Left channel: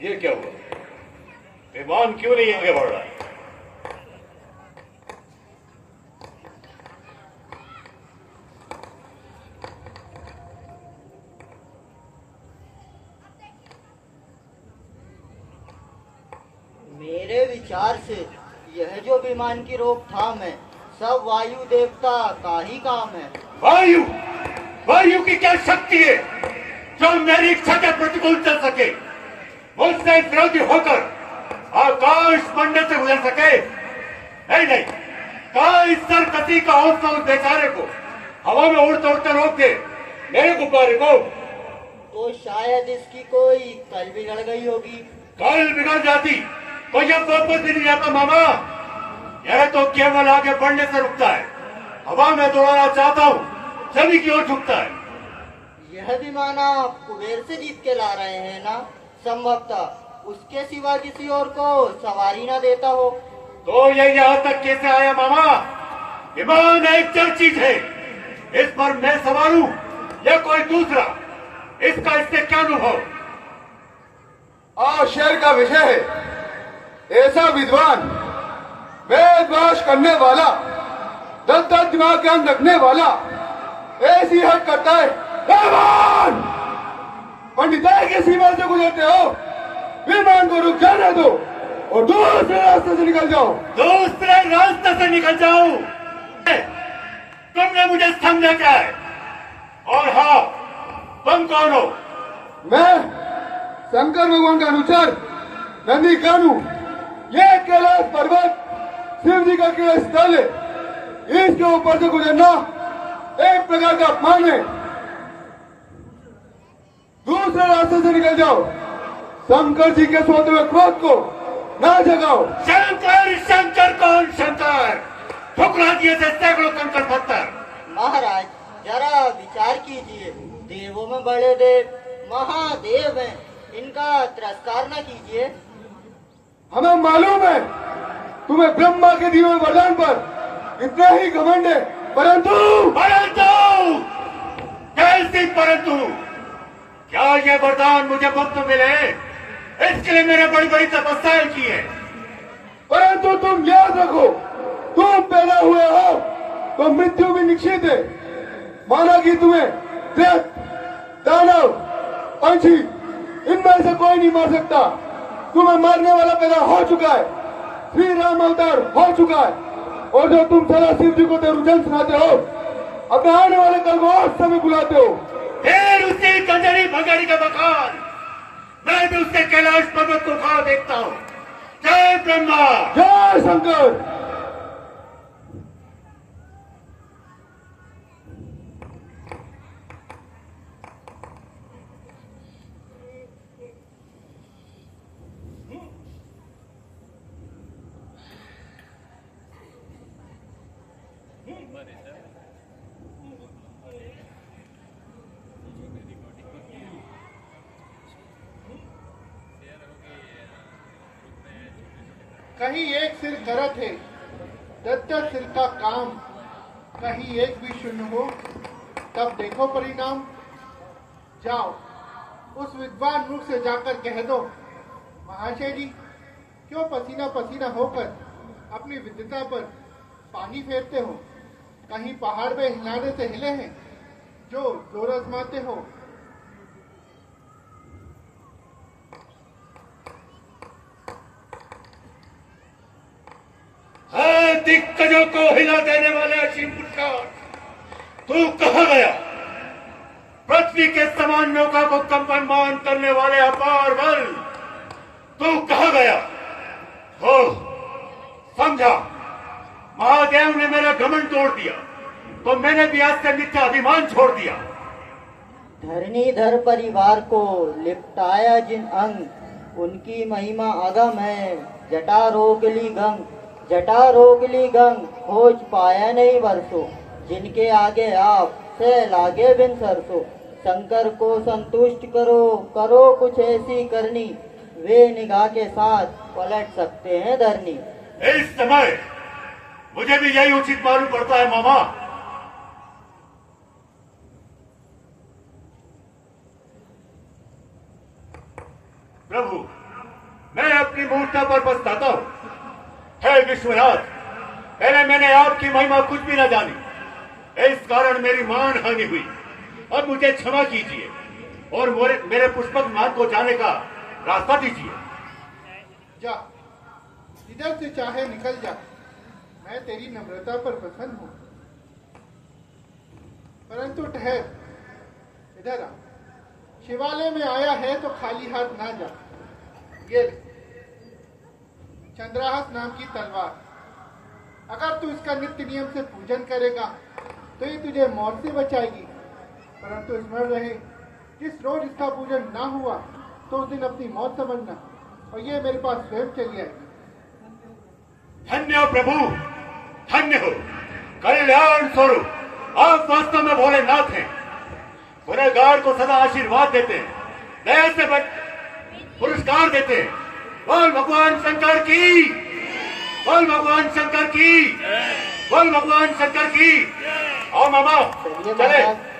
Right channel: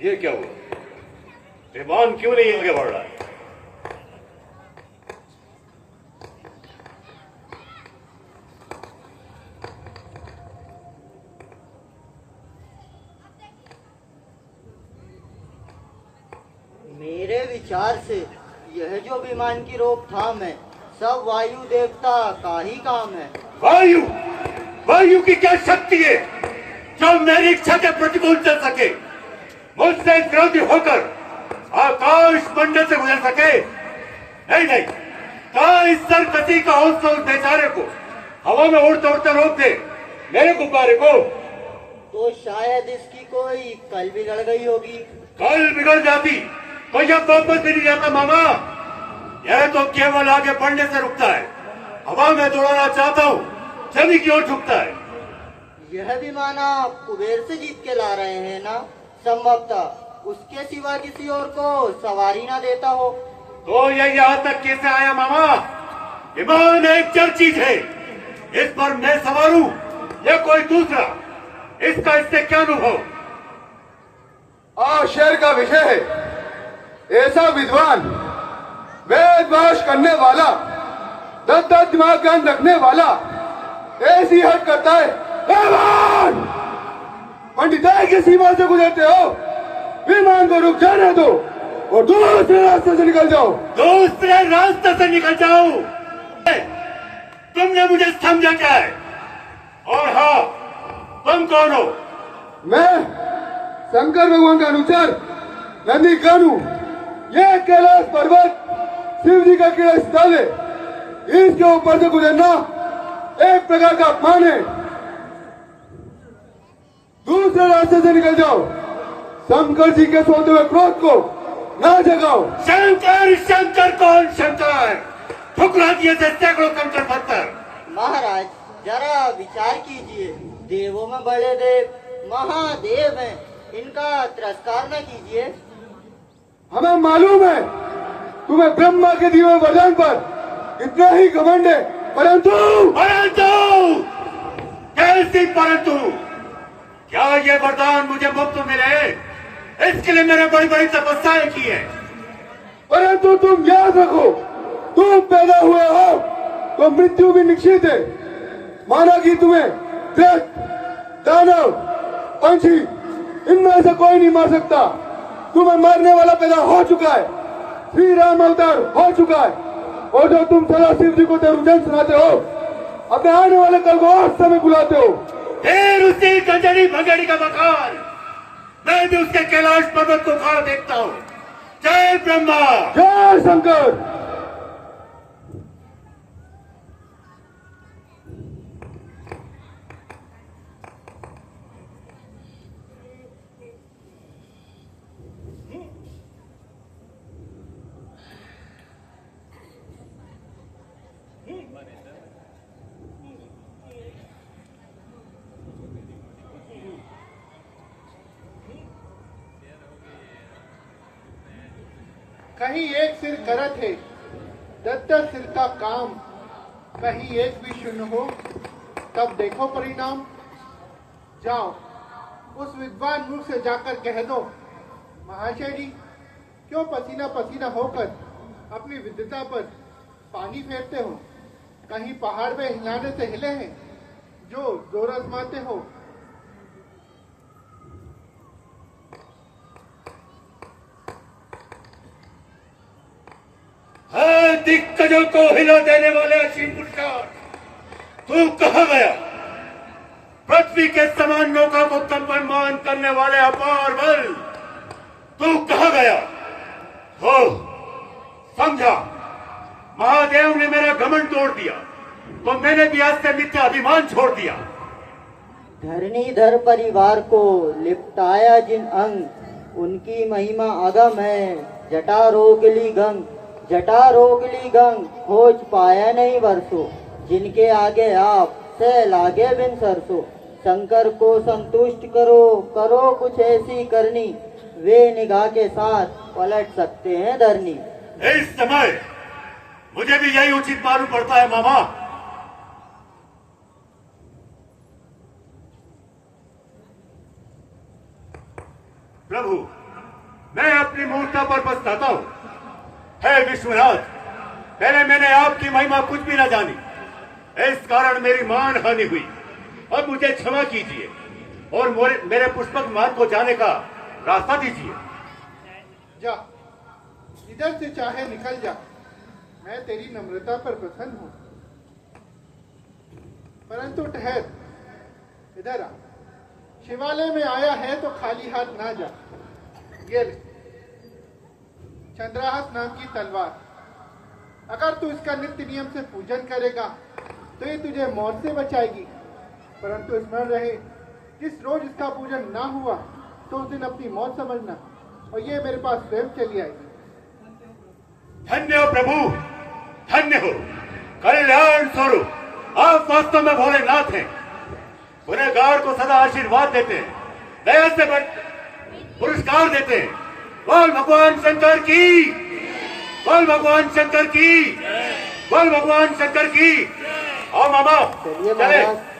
ये क्या हुआ? विमान क्यों नहीं आगे बढ़ रहा? मेरे विचार से यह जो विमान की रोकथाम है सब वायु देवता का ही काम है। वायु? वायु की क्या शक्ति है जो मेरी इच्छा के प्रतिकूल चल सके, मुझसे विरोधी होकर आकाश मंडल से गुजर सके? नहीं नहीं, कहा इस सरकसी का हौसला उस बेचारे को हवा में उड़ते उड़ते रोक दे, मेरे गुब्बारे को। तो शायद इसकी कोई कल बिगड़ गई होगी। कल बिगड़ जाती तो यह वापस भी नहीं आता मामा। यह तो केवल आगे बढ़ने से रुकता है, हवा में दौड़ाना चाहता हूँ, जमीन की ओर झुकता है। यह विमान आप कुबेर से जीत के ला रहे हैं ना? संभवतः उसके सिवा किसी और को सवारी ना देता हो। तो ये यहाँ तक कैसे आया मामा? विमान एक चल चीज है, इस पर मैं सवार हूँ या कोई दूसरा, इसका इससे क्या अनुभव? शेर का विषय है, ऐसा विद्वान, वेद वाश करने वाला, 10 दिमाग ज्ञान रखने वाला ऐसी हद करता है। भगवान, पंडिताई की सीमा से गुजरते हो, विमान को रुक जाने दो और दूसरे रास्ते से निकल जाओ। दूसरे रास्ते से निकल जाओ? तुमने मुझे समझा क्या है? और हाँ, तुम कौन हो? मैं शंकर भगवान का अनुचर नंदी कानू। यह कैलाश पर्वत शिव जी का क्रीड़ा स्थल है, इसके ऊपर से गुजरना एक प्रकार का अपमान है। दूसरे रास्ते से निकल जाओ, शंकर जी के सोते हुए क्रोध को न जगाओ। शंकर? शंकर कौन शंकर? ठुकरा दिए थे सैकड़ों कंकड़ पत्थर। महाराज जरा विचार कीजिए, देवों में बड़े देव महादेव हैं, इनका तिरस्कार न कीजिए। हमें मालूम है तुम्हें ब्रह्मा के दिए हुए वरदान पर इतना ही घमंड है, परंतु कैसी परंतु? क्या ये वरदान मुझे मुफ्त मिले? इसके लिए मैंने बड़ी बड़ी तपस्याएं की है। परंतु तुम याद रखो, तुम पैदा हुए हो तो मृत्यु भी निश्चित है। माना कि तुम्हें दैत्य, दानव, पंछी, इनमें से कोई नहीं मार सकता। तुम्हें मारने वाला पैदा हो चुका है, श्री राम अवतार हो चुका है, और जो तुम सदा शिव जी को तेरुजन सुनाते हो, अपने आने वाले कल को और समय बुलाते हो। फिर उसी गंजरी भंजरी का मकान, मैं भी उसके कैलाश पर्वत को खा देखता हूँ। जय ब्रह्मा, जय शंकर। कहीं एक सिर करत है 10 सिर का काम, कहीं एक भी शून्य हो तब देखो परिणाम। जाओ उस विद्वान मुख से जाकर कह दो, महाशय जी क्यों पसीना पसीना होकर अपनी विद्वता पर पानी फेरते हो? कहीं पहाड़ में हिलाने से हिले हैं जो जोर आजमाते हो? दिक्कतों को हिला देने वाले असीम पुरस्कार, तू कहाँ गया? पृथ्वी के समान नौका को कंपमान करने वाले अपार बल, तू कहाँ गया? हो समझा, महादेव ने मेरा घमंड तोड़ दिया तो मैंने भी आज से मिथ्या अभिमान छोड़ दिया। धरणीधर परिवार को लिपटाया जिन अंग, उनकी महिमा अगम है। जटा रोगली गंग, जटा रोगली गंग, खोज पाया नहीं वर्षों, जिनके आगे आप से लागे बिन सरसों। शंकर को संतुष्ट करो, करो कुछ ऐसी करनी, वे निगाह के साथ पलट सकते हैं धरनी। इस समय मुझे भी यही उचित मालूम पड़ता है मामा। प्रभु, मैं अपनी मूर्खता पर पछताता हूँ। हे विश्वनाथ, पहले मैंने आपकी महिमा कुछ भी न जानी, इस कारण मेरी मान हानि हुई। अब मुझे क्षमा कीजिए और मेरे पुष्पक मार्ग को जाने का रास्ता दीजिए। जा, इधर से चाहे निकल जा, मैं तेरी नम्रता पर प्रसन्न हूँ। परंतु ठहर, इधर आ। शिवालय में आया है तो खाली हाथ ना जा। ये ले, चंद्रहास नाम की तलवार। अगर तू इसका नित्य नियम से पूजन करेगा तो ये तुझे मौत से बचाएगी। परंतु स्मरण रहे, जिस रोज इसका पूजन ना हुआ तो उस दिन अपनी मौत समझना, और ये मेरे पास स्वयं चली आएगी। धन्य हो प्रभु, धन्य हो। कल्याण स्वरूप आप वास्तव में भोलेनाथ हैं। गुनहगार को सदा आशीर्वाद देते हैं, दया से पुरस्कार देते हैं। बोल भगवान शंकर की, बोल भगवान शंकर की, बोल भगवान शंकर की। आओ मामा, चलिए चले। महाराज।